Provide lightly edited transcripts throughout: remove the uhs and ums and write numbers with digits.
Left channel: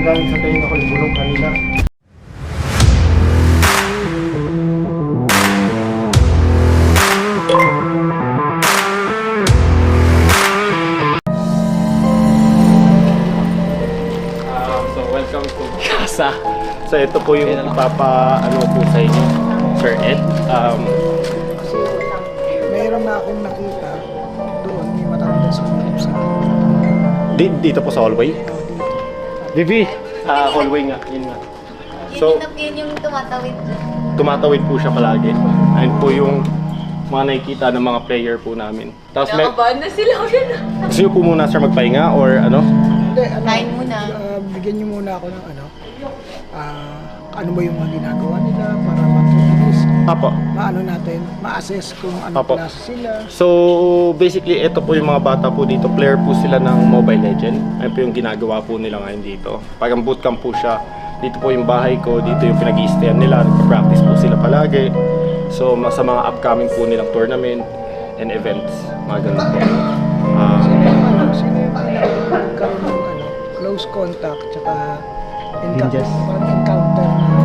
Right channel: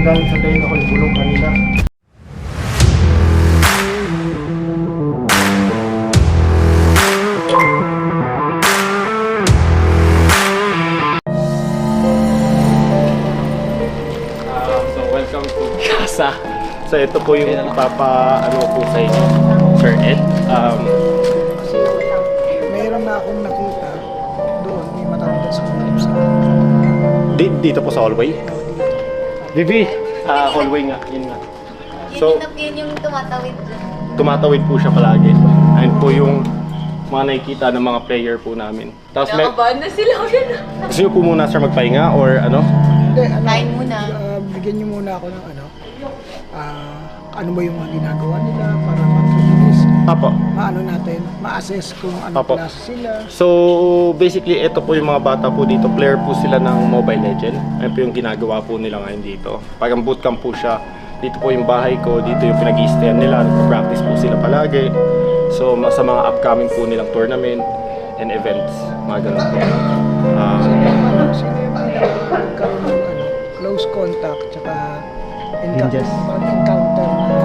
yung galing sa tenga ko, yung bulong kanina. So welcome to Casa. So ito po yung ano po sa inyo, Sir Ed. Kasi mayroon na akong nakita doon, may matanda sa kulip sa Dito po sa hallway. Vivi, hallway nga, yun nga. So, Yun yung tumatawid dyan. tumatawid po siya palagi. Ayun po yung mga nakikita ng mga player po namin. Tapos Nakabahan na sila yun. gusto nyo po muna sir magpahinga or ano? Hindi, ano, Kain muna. Bigyan niyo muna ako ng ano ba yung mga ginagawa nila para matulis. Apo. Maano natin, ma-assess kung ano Apo. klase sila. So, basically, ito po yung mga bata po dito. Player po sila ng Mobile Legend. Ayun po yung ginagawa po nila ngayon dito. Parang bootcamp po siya. Dito po yung bahay ko. Dito yung pinag-i-stayan nila. Nagpa-practice po sila palagi. So, sa mga upcoming po nilang tournament and events. Mga ganun po. Sino yung nagkaroon ng close contact tsaka encounter na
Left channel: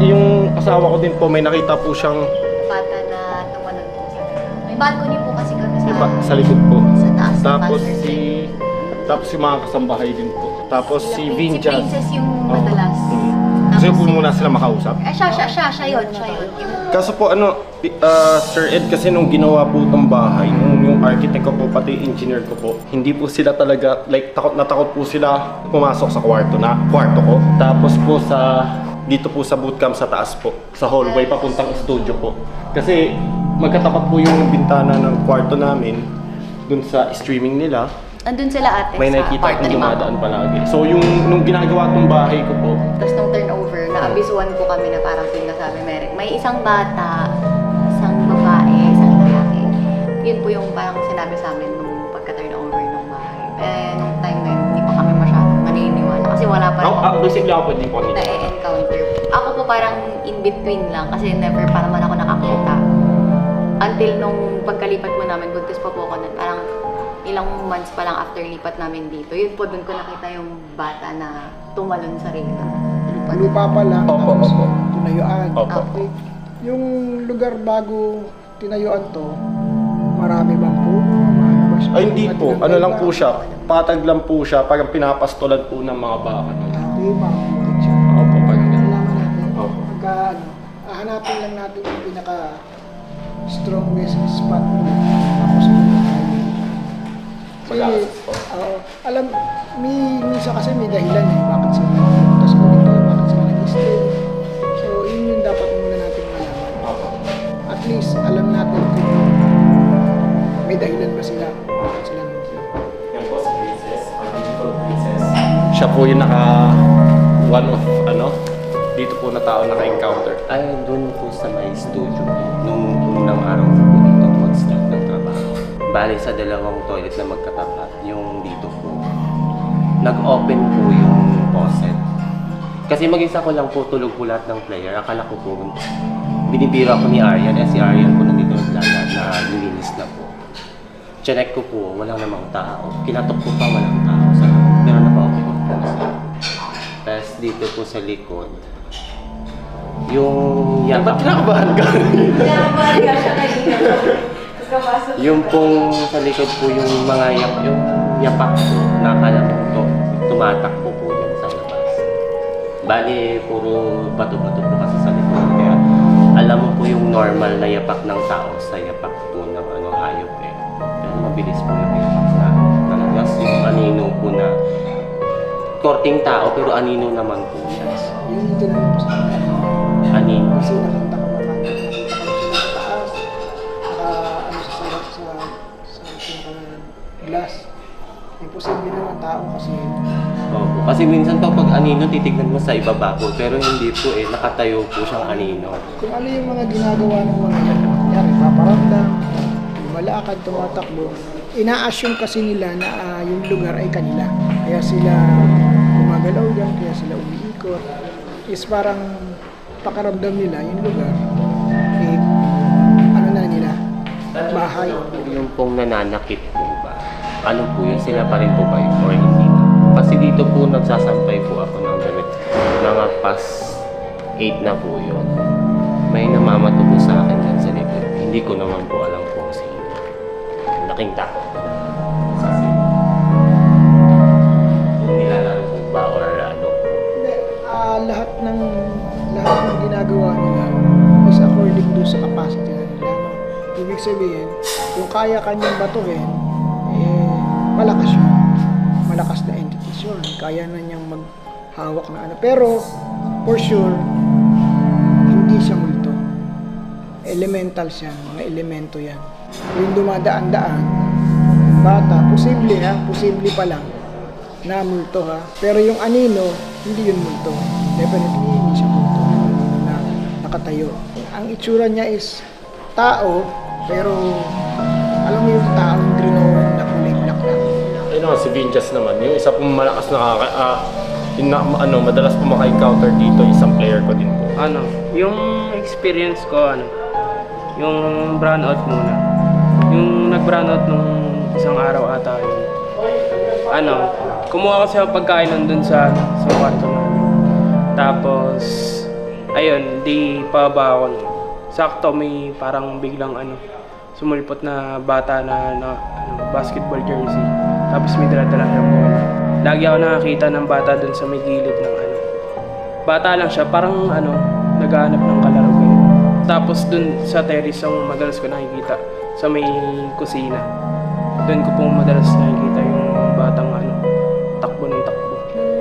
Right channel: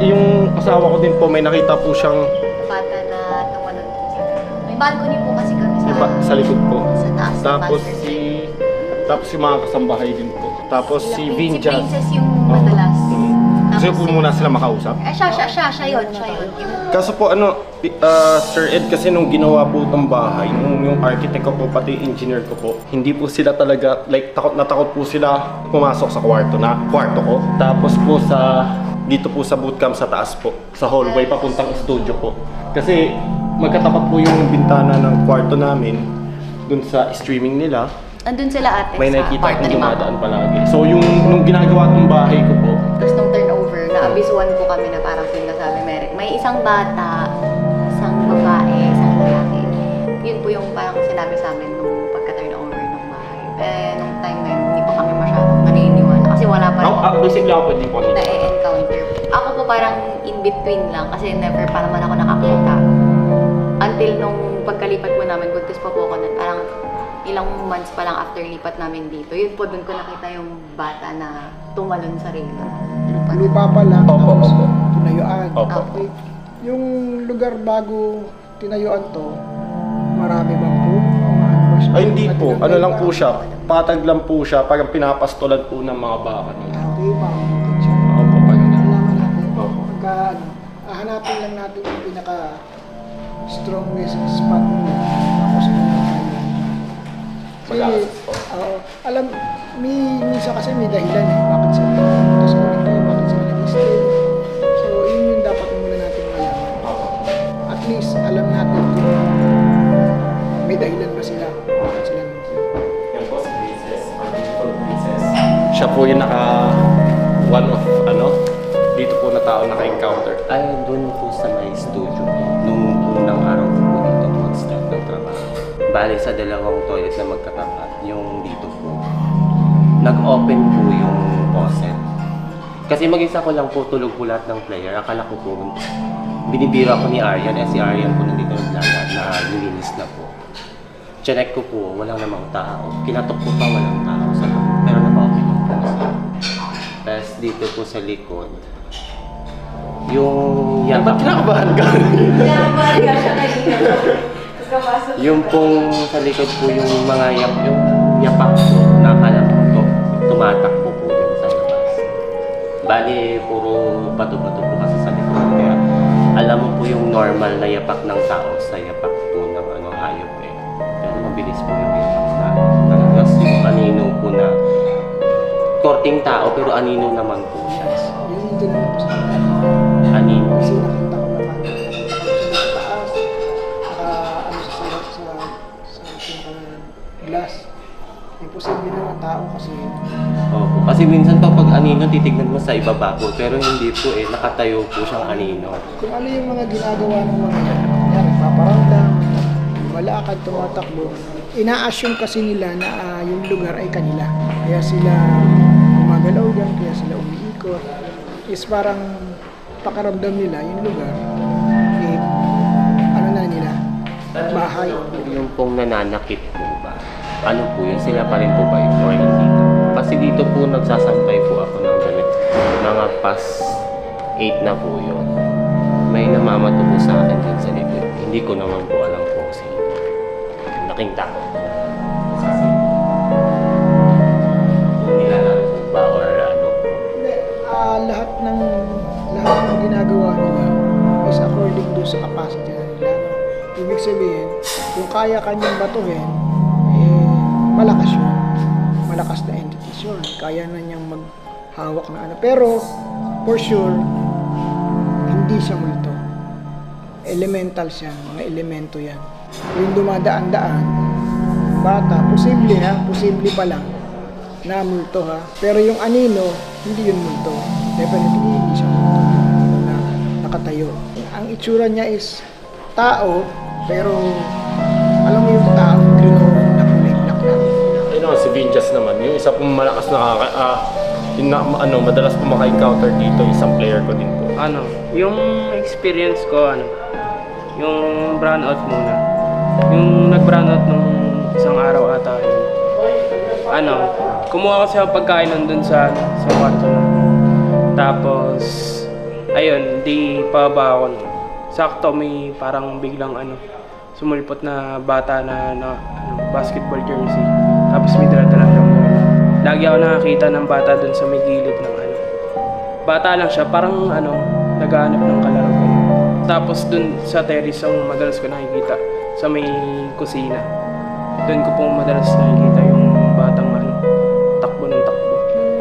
Yung asawa ko din po, may nakita po siyang Bata na tumalon po sa... May balcony po kasi kami sa likod po. Sa taas ng Tapos master tapos yung mga kasambahay din po. Tapos si Si Vinjas. Princess yung madalas. Gusto po muna sila makausap. Siya yun. Kaso po Sir Ed, kasi nung ginawa po itong bahay, yung architect ko po, pati engineer ko po, hindi po sila talaga, like takot na takot po sila pumasok sa kwarto ko. Tapos po dito po sa bootcamp sa taas po, sa hallway papuntang studio po. Kasi magkatapat po yung bintana ng kwarto namin dun sa streaming nila. Andun sila ate May sa nakikita kwarto akong ni Mama. dumadaan palagi. So nung ginagawa tong bahay ko po, Tapos nung turnover, naabisuan ko kami na parang sinasabi, may isang bata, isang babae, isang lalaki. Yun po yung parang sinabi sa amin nung pagka-turnover ng bahay. Nung time na yun, hindi pa kami masyadong naniniwala. Kasi wala pa rin basically ako hindi po nito. na-encounter. Ako po parang in-between lang kasi never pa naman ako nakakita. Until nung pagkalipat po namin, buntis pa po ako nun, parang ilang months pa lang after lipat namin dito. Yun po, dun ko nakita yung bata na tumalon sa relo. lupa pa lang, Opo, tapos opo. tinayuan. Opo. Okay. Yung lugar bago tinayuan to, marami bang puno? Maano ba siya? Ay hindi po, ano lang po siya, patag lang po siya, parang pinapastolan po ng mga baka. Okay, makakukit siya. Opo, parang ganun. Alaman natin. Opo. Pagka hanapin lang natin yung pinaka strongest spot nila. Tapos doon na tayo. Mag-a-assess po. Alam, minsan kasi may dahilan bakit sila nagpunta sa ganito, bakit sila nag-stay. So, yun yung dapat muna natin malaman. Opo. At least, alam natin kung may dahilan ba sila, bakit sila nandito. Yan po si Princess, or Beautiful Princess. Siya po yung one of dito po na tao naka-encounter. Ay, doon po sa may studio po. Nung unang araw ko po dito mag-start ng trabaho. Bale sa dalawang toilet na magkatapat, yung dito po. Nag-open po yung faucet. Kasi mag-isa ko lang po tulog po lahat ng player. Akala ko po, binibiro ako ni Aryan. Si Aryan po nandito naglalat na nilinis na po. Chinek ko po, walang namang tao. Kinatok ko pa, walang tao sa loob. Pero naka-open yung faucet. Tapos dito po sa likod, yung Ba't kinakabahan ka? Yung pong sa likod po yung mga yung yapak po, nakakala mo to, tumatakbo po dyan sa labas. Bali, puro bato-bato po kasi sa likod. Kaya alam mo po yung normal na yapak ng tao sa yapak po ng hayop eh. Pero mabilis po yung yapak na talaga. Yung anino po na korting tao pero anino naman po siya. Yun yung tinanong ko sa kanila. Anino. Kasi nakita ko naman, nakita ko sila sa taas, sa sarap sa pinaka-glass. Imposible naman tao kasi Opo. Kasi minsan pa pag anino, titignan mo sa ibaba po. Pero hindi po eh, nakatayo po siyang anino. kung ano yung mga ginagawa ng mga yan, kunyari, paparamdam, lumalakad, tumatakbo, ina-assume kasi nila na yung lugar ay kanila. Kaya sila gumagalaw dyan, kaya sila umiikot. Is parang pakaramdam nila yung lugar, eh, ano na nila, bahay. Yung pong nananakit po ba? Ano po yun? Sila pa rin po ba yun? Or hindi na? Kasi dito po nagsasampay po ako ng damit. Mga past 8 na po yun. May namamato po sa akin dyan sa likod. Hindi ko naman po alam kung sino. Laking takot na. Kasi kung nilalaro po ba or ano po. Hindi, lahat ng ginagawa nila is according do sa capacity na nila. No? Ibig sabihin, kung kaya kanyang batuhin, malakas yun. Malakas na entities yun. Kaya na niyang maghawak na ano. Pero, for sure, hindi siya multo. Elemental siya, mga elemento yan. Yung dumadaan-daan, yung bata, posible pa lang na multo ha. Pero yung anino, hindi yun multo. Definitely hindi siya multo. Yung anino na nakatayo. Ang itsura niya is tao, pero alam mo yung taong grinoon na kulay black lang. Ayun si Vinjas naman. Yung isa pong malakas madalas po maka-encounter dito, isang player ko din po. Yung experience ko, yung brownout muna. Yung nag-brownout nung isang araw ata yun. Kumuha kasi ako pagkain nandun sa kwarto namin. Tapos, ayun, di pababa ako nun. Sakto may parang biglang sumulpot na bata na basketball jersey. Tapos may dala-dala siyang bola. Lagi ako nakakita ng bata dun sa may gilid ng bata lang siya, parang naghahanap ng kalaro ganyan. Tapos dun sa terrace ang madalas ko nakikita sa may kusina. Dun ko pong madalas nakikita yung batang takbo ng takbo.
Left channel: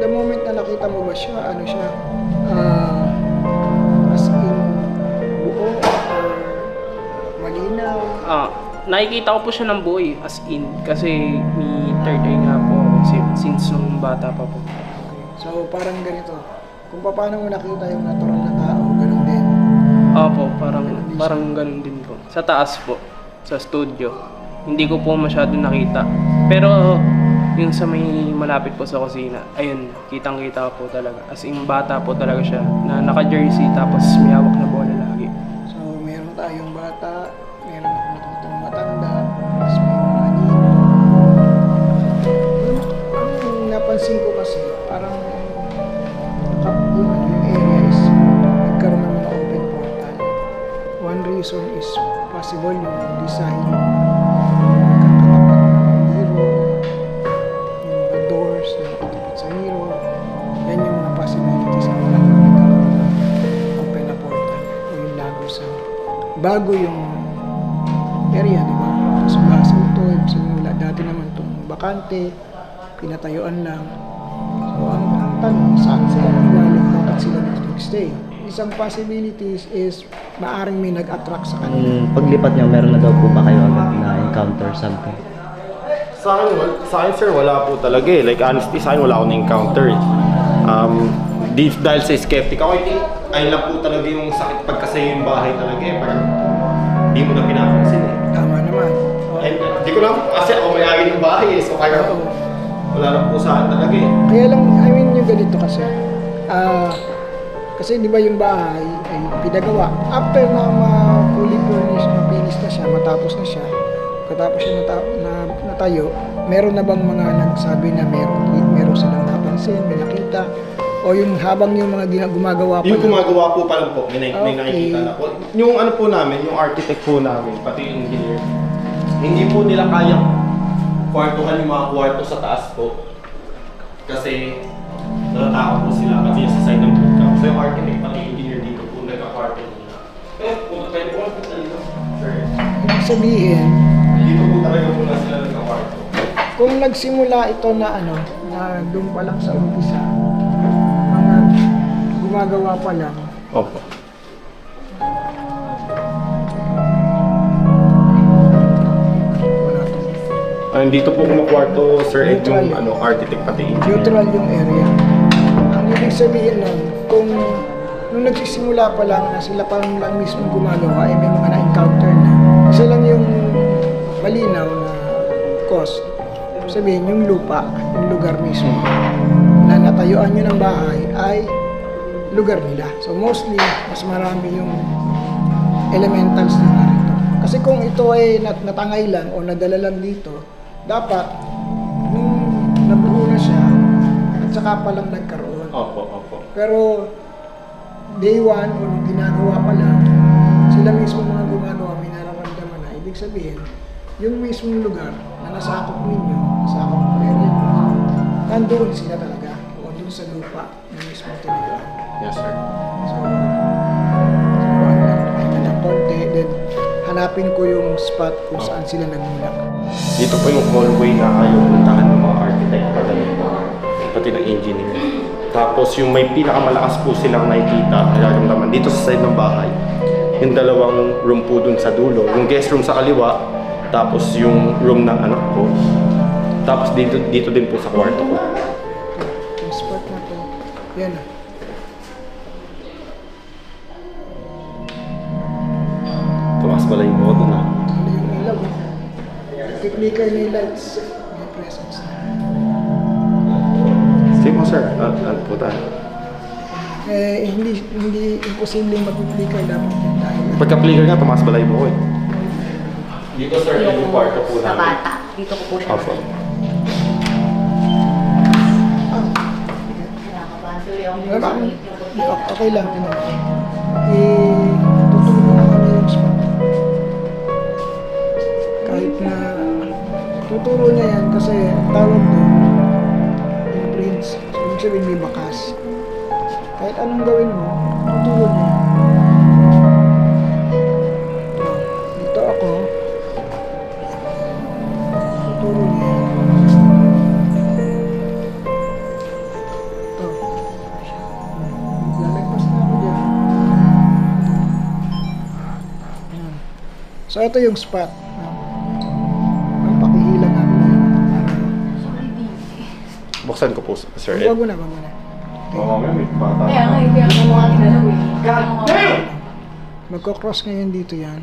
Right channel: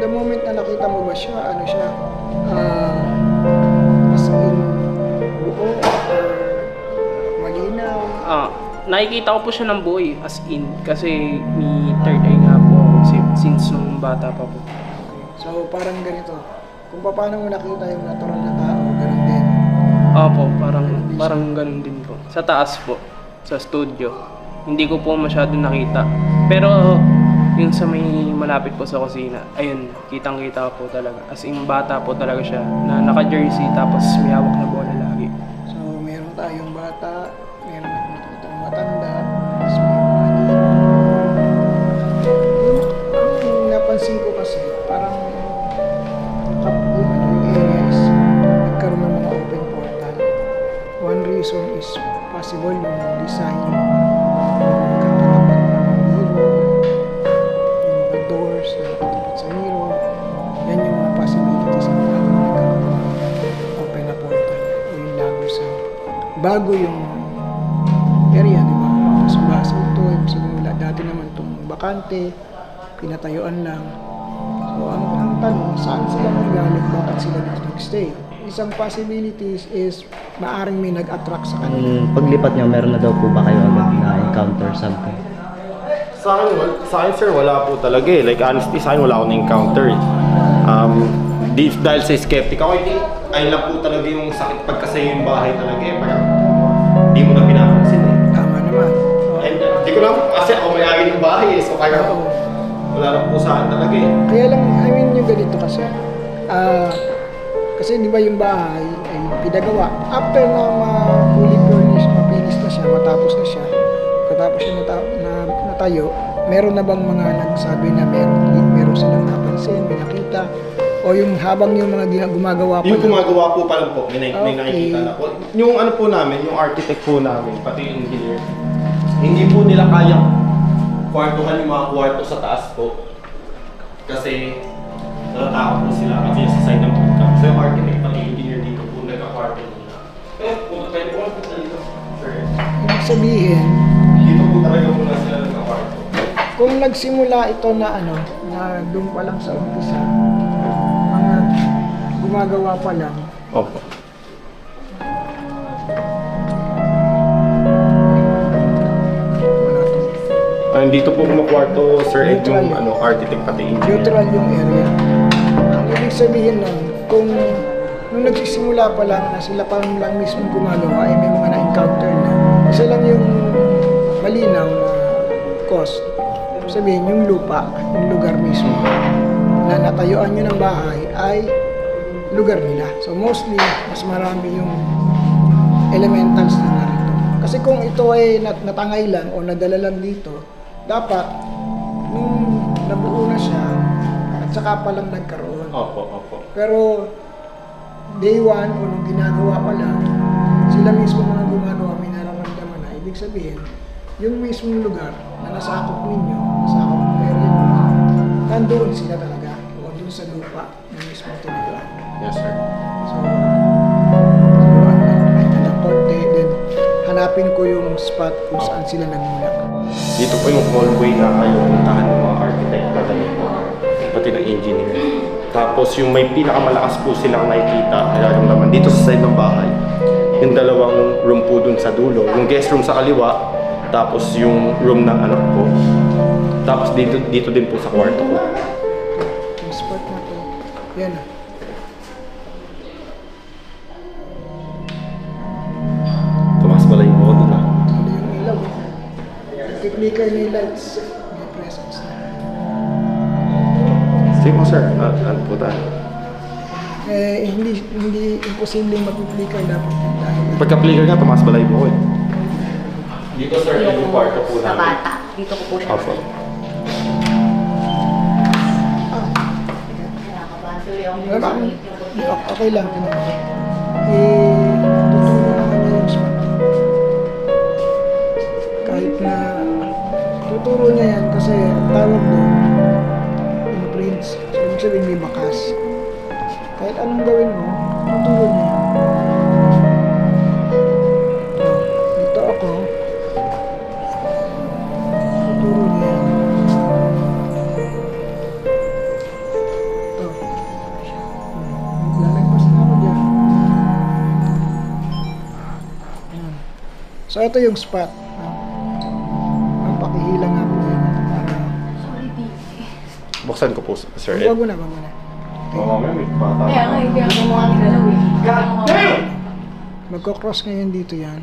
The moment na nakita mo ba siya, as in buo or malinaw? Nakikita ko po siya ng buo as in. Kasi may third eye nga po ako since nung bata pa po. So parang ganito, kung paano mo nakita yung natural na tao, ganun din. Opo, parang ganun din po. Sa taas po, sa studio. Hindi ko po masyado nakita. Pero yung sa may malapit po sa kusina, ayun, kitang-kita po talaga. As in, bata po talaga siya na naka-jersey tapos may hawak na bola lagi. So meron tayong bata, meron akong nakitang matanda, tapos may mga anino. Ang napansin ko kasi, parang yung area is nagkaroon ng mga open portal. One reason is possible yung design, yung kakatapat ng mirror, yung mga doors na nakatapat sa mirror. Yan yung mga possibilities na nagkaroon ng open na portal o yung lagusan. Bago yung area, di ba? Tapos basa ito, wala. Dati naman itong bakante, pinatayuan lang. So, ang tanong, saan sila nanggaling? Bakit sila dito nag-stay? Isang possibilities is maaring may nag-attract sa kanila. Paglipat niyo, meron na daw po ba kayo agad na-encounter something? Sa akin sir, wala po talaga eh. Like honestly, sa akin wala akong na-encounter eh. Dahil sa skeptic ako, ayun lang po talaga yung sakit pagkasayo yung bahay talaga eh. Parang di mo na pinapansin eh. Tama naman. Di ko lang, kasi ako may-ari ng bahay eh. So kaya wala lang po sa akin talaga eh. Kaya lang, yung ganito kasi. Kasi di ba yung bahay ay pinagawa. After na ma-fully furnished, mapinis na siya, matapos na siya, katapos siya natayo, meron na bang mga nagsabi na meron silang napansin, may nakita? O yung habang yung mga gumagawa pa Yung gumagawa po pa lang po, may nakikita na po. Yung po namin, yung architect po namin, pati yung engineer, hindi po nila kayang kwartuhan yung mga kwarto sa taas po. Kasi natatakot po sila kasi sa side ng bootcamp. So yung architect pati yung engineer dito po nagka-kwarto muna. Pwede po dito. Sure. Ibig sabihin, Dito po talaga muna sila nagka-kwarto. kung nagsimula ito na na doon pa lang sa umpisa, mga gumagawa pa lang, Opo. wala to. Dito po kumakwarto, Sir Ed, yung Neutral. architect pati engineer. Neutral yung area. Ang ibig sabihin nun, kung nung nagsisimula pa lang na sila pa lang mismo gumagawa, ay may mga na-encounter na. Isa lang yung malinaw na cost. Sabihin, yung lupa, yung lugar mismo na natayuan nyo ng bahay ay lugar nila. So mostly, mas marami yung elementals na narito. Kasi kung ito ay natangay lang o nadala lang dito, dapat nung nabuo na siya, saka pa lang nagkaroon. Opo. Pero day 1 o nung ginagawa pa lang, sila mismo mga gumagawa may nararamdaman na. Ibig sabihin, yung mismong lugar na nasakop ninyo, nasakop ng area nyo, nandoon sila talaga o doon sa lupa na mismo tinayuan. Yes, sir. So, siguro ay na ng konti, then hanapin ko yung spot kung saan sila nagmulak. Dito po yung hallway na ayaw puntahan ng mga architect pati ng engineer. Tapos yung may pinakamalakas po silang nakikita, nararamdaman dito sa side ng bahay. Yung dalawang room po dun sa dulo. Yung guest room sa kaliwa, tapos yung room ng anak ko. Tapos dito din po sa kwarto ko. Yung spot na to, yan na. Tumakas pala yung modo na. Ano yung ilaw? I-flicker na yung lights. May presence na. Sige po, sir. Ano po tayo? Hindi imposibleng mag-flicker dapat yun dahil Pagka-flicker nga, tumakas pala yung buko eh. Dito, sir, yung kwarto po Sa namin. bata. Dito ko po siya. Opo. Kinakabahan tuloy ako. Okay lang. Tuturo naman niya yung spot. Kahit na tuturo niya yan kasi ang tawag doon imprints. So, ibig sabihin may bakas. Kahit anong gawin mo, tuturo niya yan. Dito ako. Tuturo niya yan. Ito. Lalagpas na ako dyan. Ayan. So, ito yung spot. Ang pakihila nga po yan. Buksan ko po, sir Ed. Wag mo na, wag mo na. Oo, mamaya may bata. Kaya nga, hindi ako mga ginalaw eh. Magkocross ngayon dito yan.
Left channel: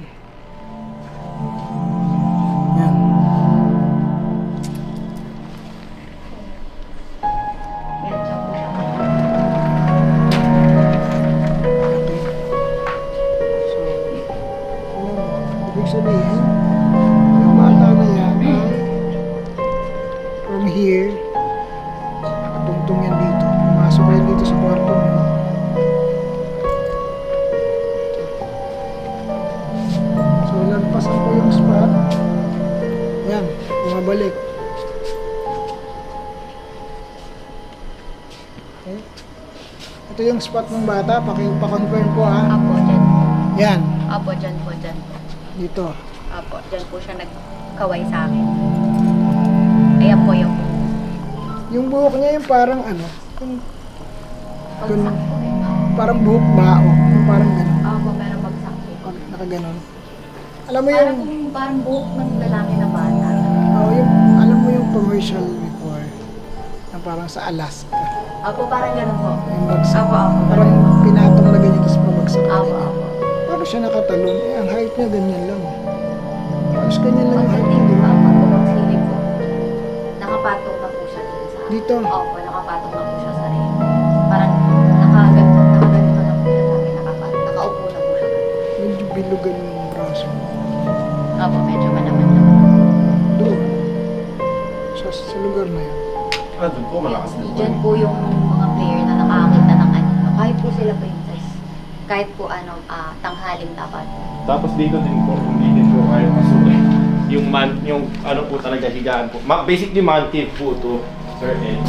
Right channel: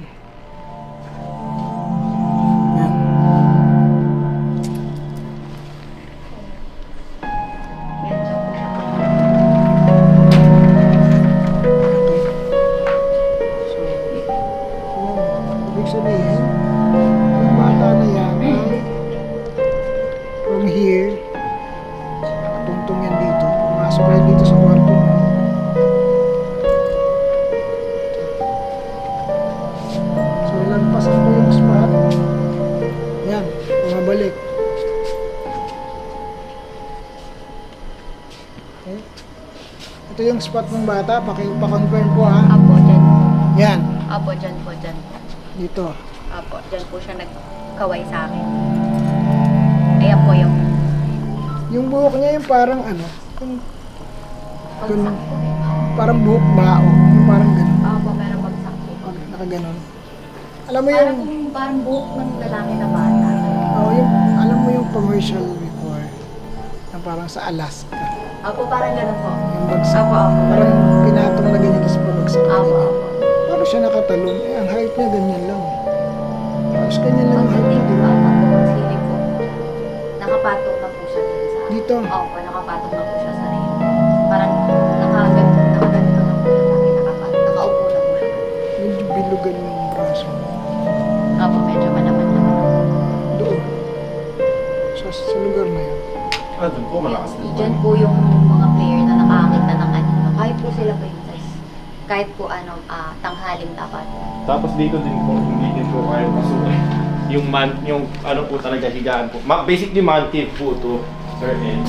Yan. Yan, siya po siya. Okay. So, ibig sabihin, yung bata na yan ay from here, tungtong yan dito. Pumasok yan dito sa kwarto mo. So, lagpasan ko yung spot. Yan, bumabalik. Okay. Ito yung spot ng bata. Pa-confirm po ha. Apo, dyan. Yan, Apo, dyan po, dyan po. dito. Apo, dyan po siya nagkaway sa akin. Ayan po yung Yung buhok niya yung parang ano, yung pagsak po eh. parang buhok bao. Yung parang gano'n. Apo, meron bagsak po. Nakaganon. Alam mo Parang, yung, parang buhok ng lalaki na bata. alam mo yung commercial before na parang sa Alaska. Apo, parang ganun po. Yung bagsak. Apo, apo. Parang pinatong na ganyan tapos pabagsak na Apo, ganyan. apo. Parang siya nakatalon. Eh, ang height niya ganyan lang. Tapos ganyan lang yung height niya, di ba? Apo, pagsilip po. Nakapatong na po siya dun sa... Dito. Opo, nakapatong na po siya sa rin. Parang nakaganito na po siya sa akin. Nakaupo na po siya. Medyo bilugan yung braso. Opo, medyo manaman naman. Doon. Sa lugar na yan. Doon po, malakas din po. Diyan po yung mga player na nakakita ng ano. Kahit po sila princess. Kahit po ano, tanghaling dapat. Tapos dito din po, hindi din po kayo pasukin. Yung ano po talaga higaan po. Basically man cave po to, sir Ed.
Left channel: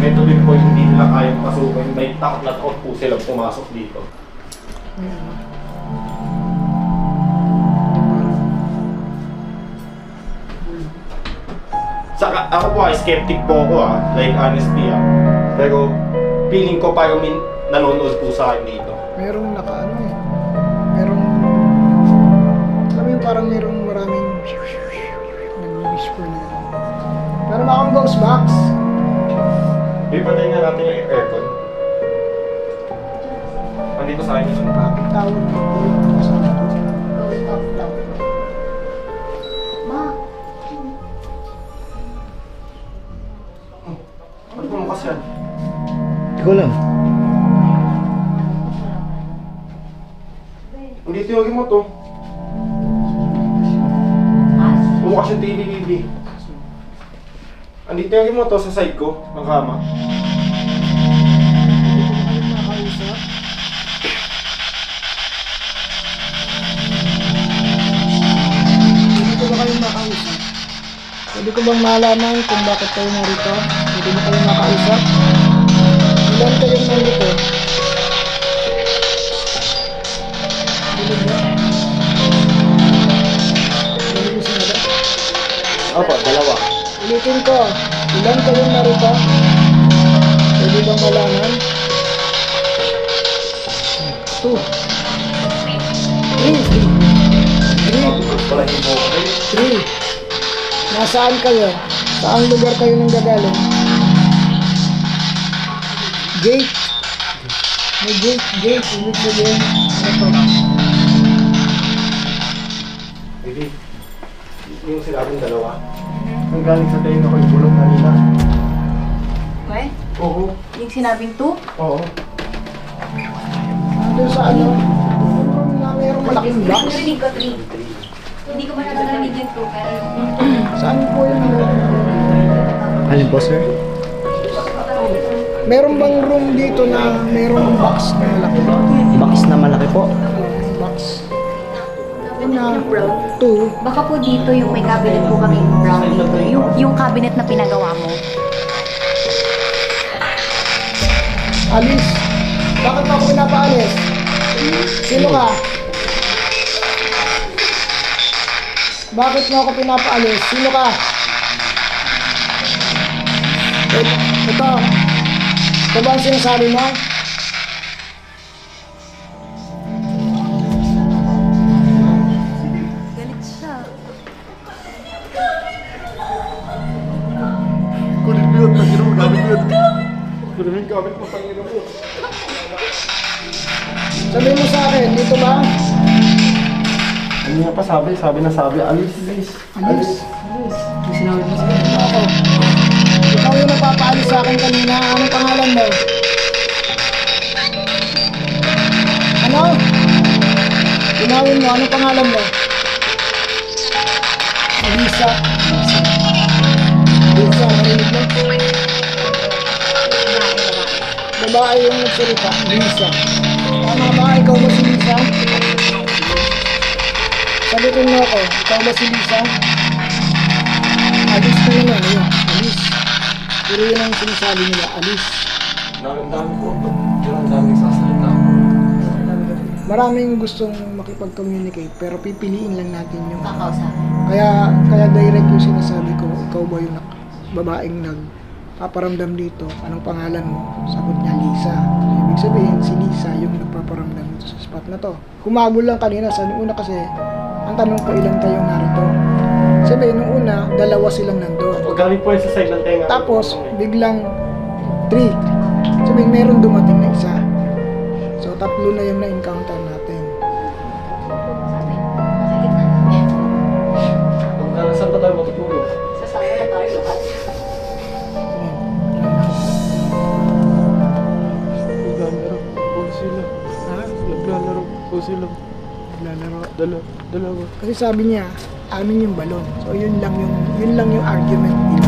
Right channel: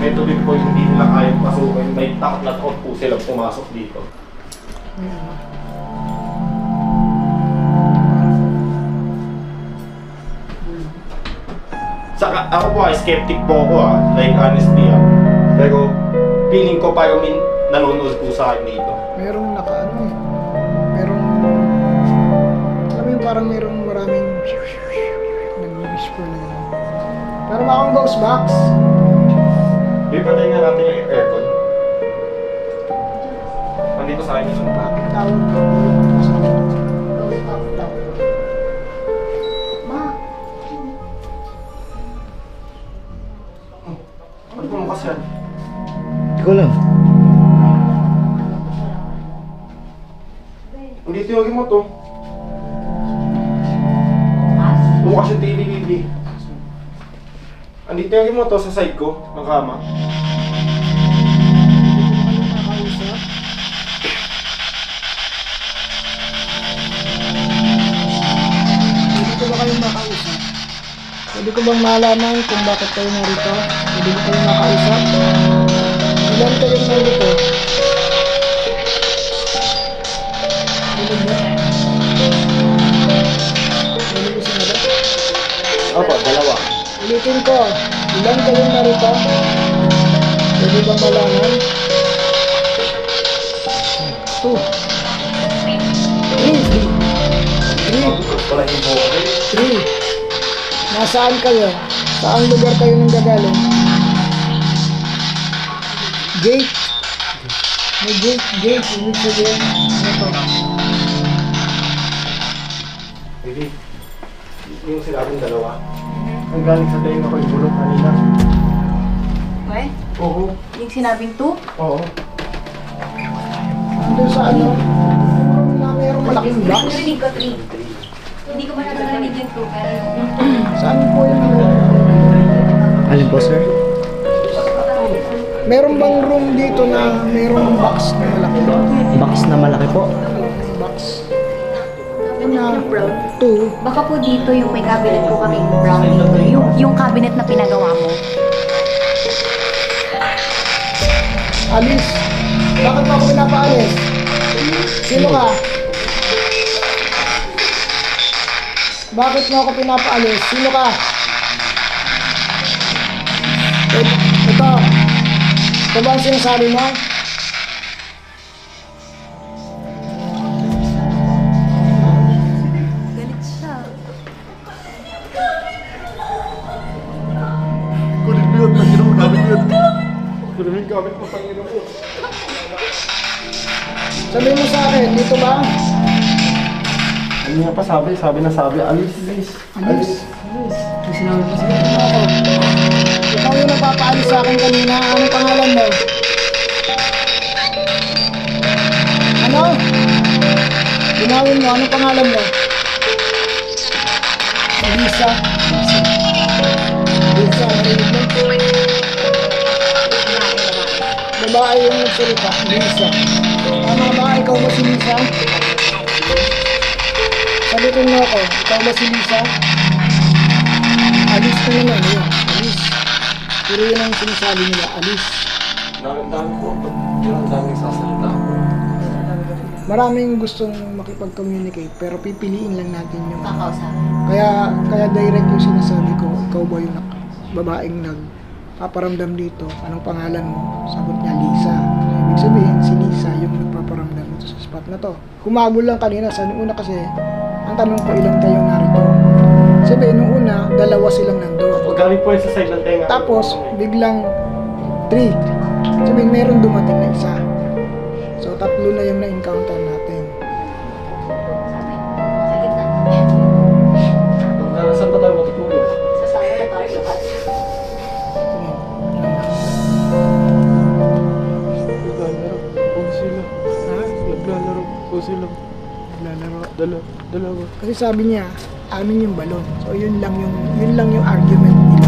Ito din po yung hindi nila kayang pasukin. May takot na takot po silang pumasok dito. Ayan. Saka ako po ay skeptic po ako like honestly Pero feeling ko parang may nanonood po sa akin dito. Merong nakaano eh. Merong, alam mo yung parang merong maraming nag-whisper na gano'n. Pero akong ghost box. Ipatay nga natin yung aircon. Andito sa akin yun. Bakit tawag ko yung kasama ko? Ghost of love. Ma, Ano po mo kasi yan? Hindi ko lang. Andito yung mo to. Bukas yung TV. Andito yung mo to sa side ko, ng kama. mag-usap. Pwede ko bang malaman kung bakit kayo narito? Pwede mo kayo makausap? Ilan kayong nandito? Dilig mo? Dilig mo sinabi? Opo, dalawa. Ulitin ko, ilan kayong narito? Pwede bang malaman? 2 3 Nasaan kayo? Saang lugar kayo nang gagaling? Gate. May gate. Ibig sabihin, ano to? Baby, yung sinabing dalawa. Ang galing sa tayo ako yung bulong kanina. Okay? Oo. Yung sinabing 2? Oo. Nandun sa ano? Mayroong malaking box. Narinig ko 3. Hindi ko masyado narinig yung 2, pero Saan po yung Alin po, sir? meron bang room dito na merong box na malaki? Box na malaki po. Box. yung brown. 2. Baka po dito yung may cabinet po kaming brown dito. Yung cabinet na pinagawa mo. Alis. Bakit mo ako pinapaalis? Sino ka? Bakit mo ako pinapaalis? Sino ka? Ito. Ito ba ang sinasabi mo? Galit siya. Kunin mo yun, tangin mo, gamit mo yun. Kunin mo yung gamit mo, tangin mo. Sabihin mo sa akin, dito ba? Ano nga pa sabi, alis. Alis. Sinabi mo ako. Ikaw yung napapaalis sa akin kanina. Anong pangalan mo? Ano? Ginawin mo. Anong pangalan mo? Lisa. Lisa, narinig mo? Babae yung nagsalita. Lisa. Tama ba? Ikaw ba si Lisa? Sabitin mo ako. Ikaw ba si Lisa? Alis na naman. Ayun. Alis. Pero yun ang sinasabi nila. Alis. Dami po. Ang daming sasalita po. Maraming gustong makipag-communicate pero pipiliin lang natin yung Kakausap. kaya direct yung sinasabi ko, ikaw ba yung babaeng nagpaparamdam dito? Anong pangalan mo? Sagot niya, Lisa. So, ibig sabihin, si Lisa yung nagpaparamdam dito sa spot na to. Humabol lang kanina sa nung una kasi, ang tanong ko, ilang kayong narito? Sabihin, nung una, dalawa silang nandun. Pag galing po yung sa side ng tenga. Tapos, biglang 3. Sabihin, meron dumating na isa. So, 3 na yung na-encounter natin. Sabi, sa gitna. Saan pa tayo matutulog? Sa sala na tayo lahat. Naglalaro po sila. Ha? Naglalaro po sila. Lalaro. Dalawa. Kasi sabi niya, amin yung balon. So, yun lang yung argument nila.